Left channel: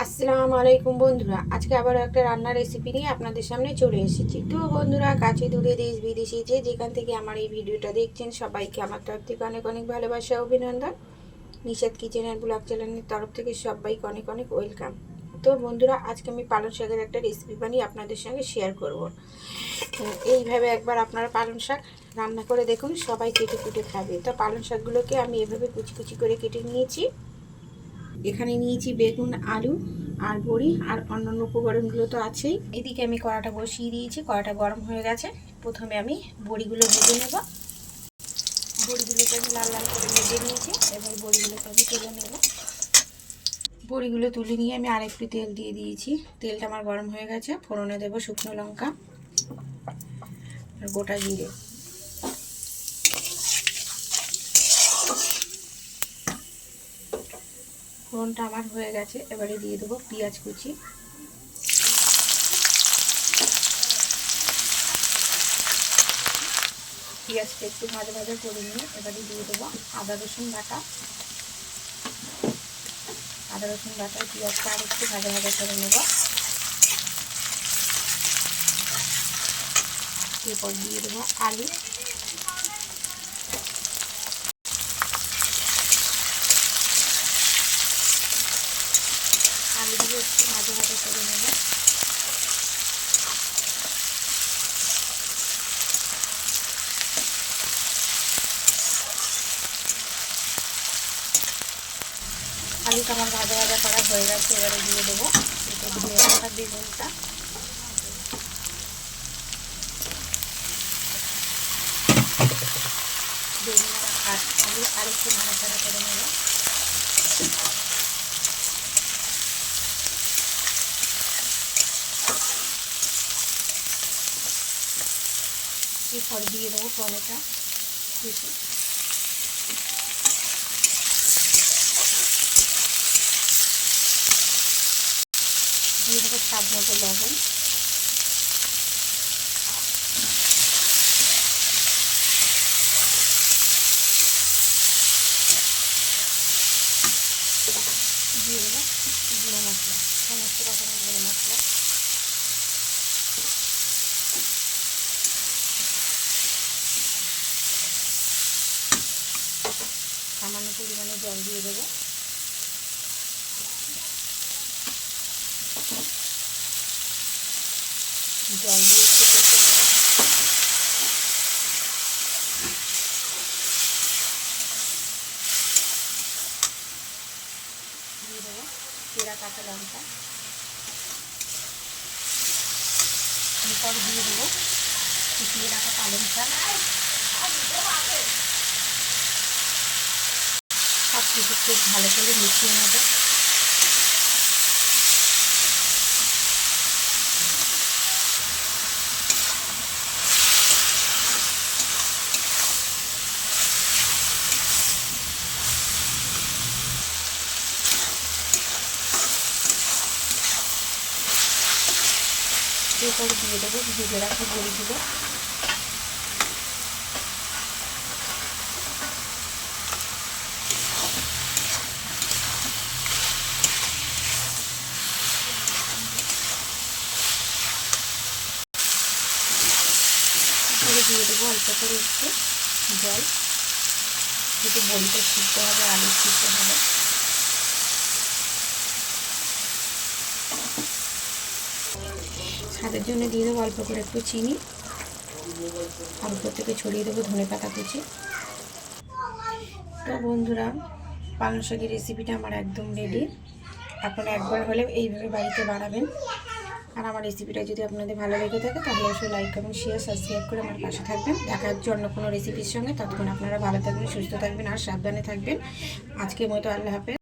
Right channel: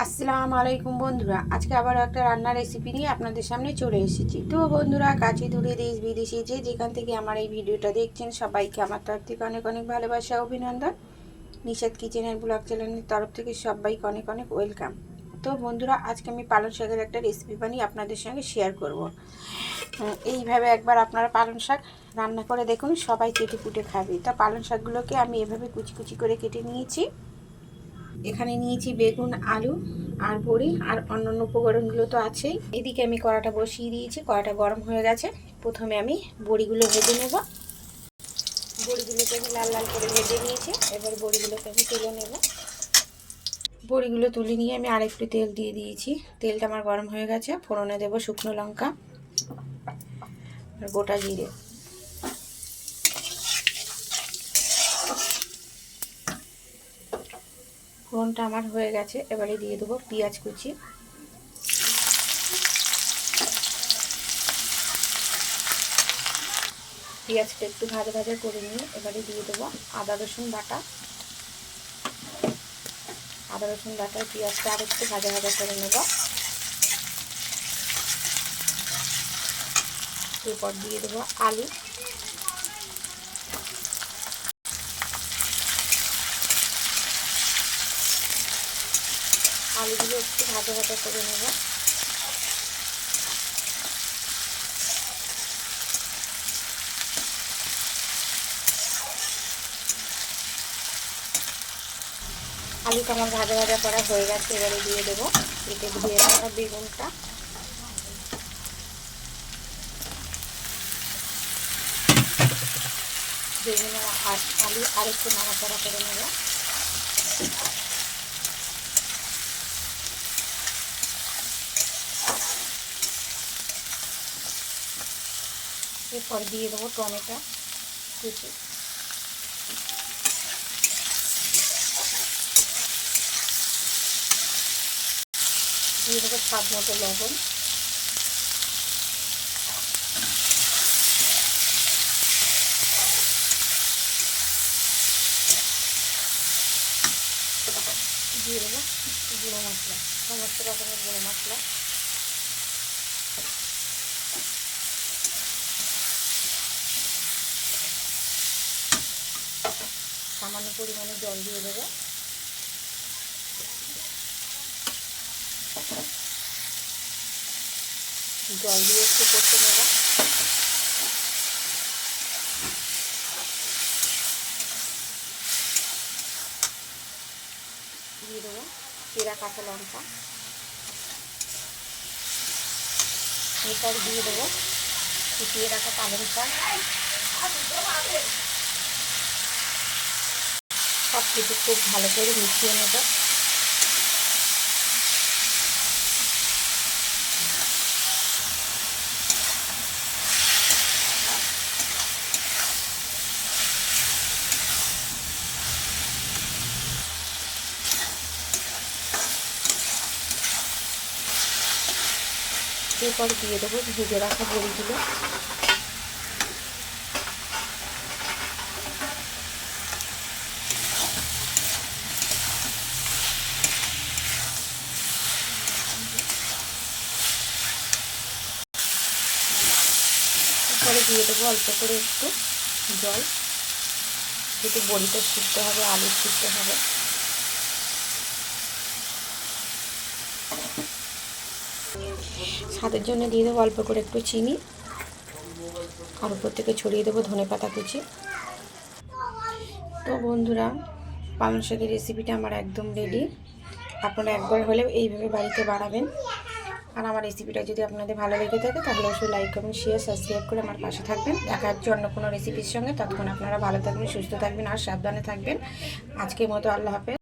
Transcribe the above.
আসসালামু আলাইকুম বন্ধুরা, আজকে আবার একটা রান্নার রেসিপি নিয়ে আপনাদের সামনে চলে এসেছি। তো বন্ধুরা, কাছে দূরে দেশ বিদেশি যে যেখান থেকে আমার এই ভিডিওটা দেখছেন, সবাইকে আমার তরফ থেকে অনেক অনেক ভালোবাসা, অভিনন্দন। নিষেধ কিচেনের ব্লগ চ্যানেলের তরফ থেকে সবাইকে অনেক অনেক ওয়েলকাম তো বন্ধুরা, আজকে আমি পালং শাকের একটা রেসিপি বানিয়ে আপনাদের সঙ্গে শেয়ার করব। এইভাবে একবার আপনারা পালং শাক রান্না করে দেখুন, সবাই কেটে কুটে খাবে। তো পালং শাকগুলোকে আমি এভাবে কুচি কুচি করে কেটে নিয়েছি। এখানে নিয়েছি বেগুন, আলু আর বড়ি আর অন্যান্য উপকরণগুলো তো আছেই। এদিকে আমি কড়াটা বসিয়ে দিয়েছি, কড়াটা গরম হয়ে গেছে। প্রথমে আমি বড়িগুলো ভেজে নেব। বড়িগুলোকে আমি লাল লাল করে ভেজে নিয়েছি। এবার বড়িগুলোকে আমি তুলে নেব। বড়িগুলো তুলে নিয়ে আমি আরেকটু তেল দিয়ে দিয়েছি। তেলটা আমার গরম হয়ে গেছে। ফোড়নে দেবো শুকনো লঙ্কা আর গোটা জিরে। ফোড়নটা আমার হয়ে গেছে, এবারে দিয়ে দেবো পেঁয়াজ কুচি। পেঁয়াজটা একটু ভাজা ভাজা করে নিয়ে এবারে দিয়ে দেবো আদা, রসুন বাটা। আদা, রসুন বাটা, পেঁয়াজটা আর একটু ভাজা ভাজা করে নেব। এরপর দিয়ে দেবো আলু। আলুগুলো একটু ভাজা ভাজা করে নেব। আলুটা আমার ভাজা ভাজা করা হয়ে গেছে, এবারে দিয়ে দেবো। একটু ধুয়ে রাখা বেগুনটা। বেগুন আর আলু আরেকটু নাড়াচাড়া করে নেব। এরপর দিয়ে দেবো টমেটো কুচি দিয়ে দেবো স্বাদ মতো লবণ। দিয়ে দেবো জিরে মশলা। সমস্ত রকমের জিরে মশলা। সামান্য পরিমাণে জল দিয়ে দেবো। জল দিয়ে একটু কষে নেব। দিয়ে দেবো পেঁড়া কাঁচা লঙ্কা। এরপর দিয়ে দেবো ফুটিয়ে রাখা পালং শাক সব কিছু খুব ভালো করে মিশিয়ে নেব। এরপর দিয়ে দেবো ভিজে রাখা বড়িগুলো। দিয়ে দেবো অল্প করে একটু জল। যেহেতু বড়িটা সিদ্ধ হবে, আলু সিদ্ধ হবে। স্বাদের জন্য দিয়ে দেবো অল্প করে একটু চিনি। আর উপর থেকে ছড়িয়ে দেবো ধনে পাতা কুচি। তো বন্ধুরা, পালং শাকের রেসিপিটা আমার একদম রেডি আপনারা একবার হলেও এইভাবে বাড়িতে বানাবেন। আর আমার রেসিপিটা যদি আপনাদের ভালো লেগে থাকে, তাহলে অবশ্যই লাইক কমেন্ট শেয়ার সাবস্ক্রাইব করে আমার পাশে থাকবেন। দেখার জন্য কোনো রেসিপির সঙ্গে। ততক্ষণ আপনারা ভালো থাকবেন, সুস্থ থাকবেন আর সাবধানে থাকবেন। আজকের মতো আল্লাহ হাফেজ।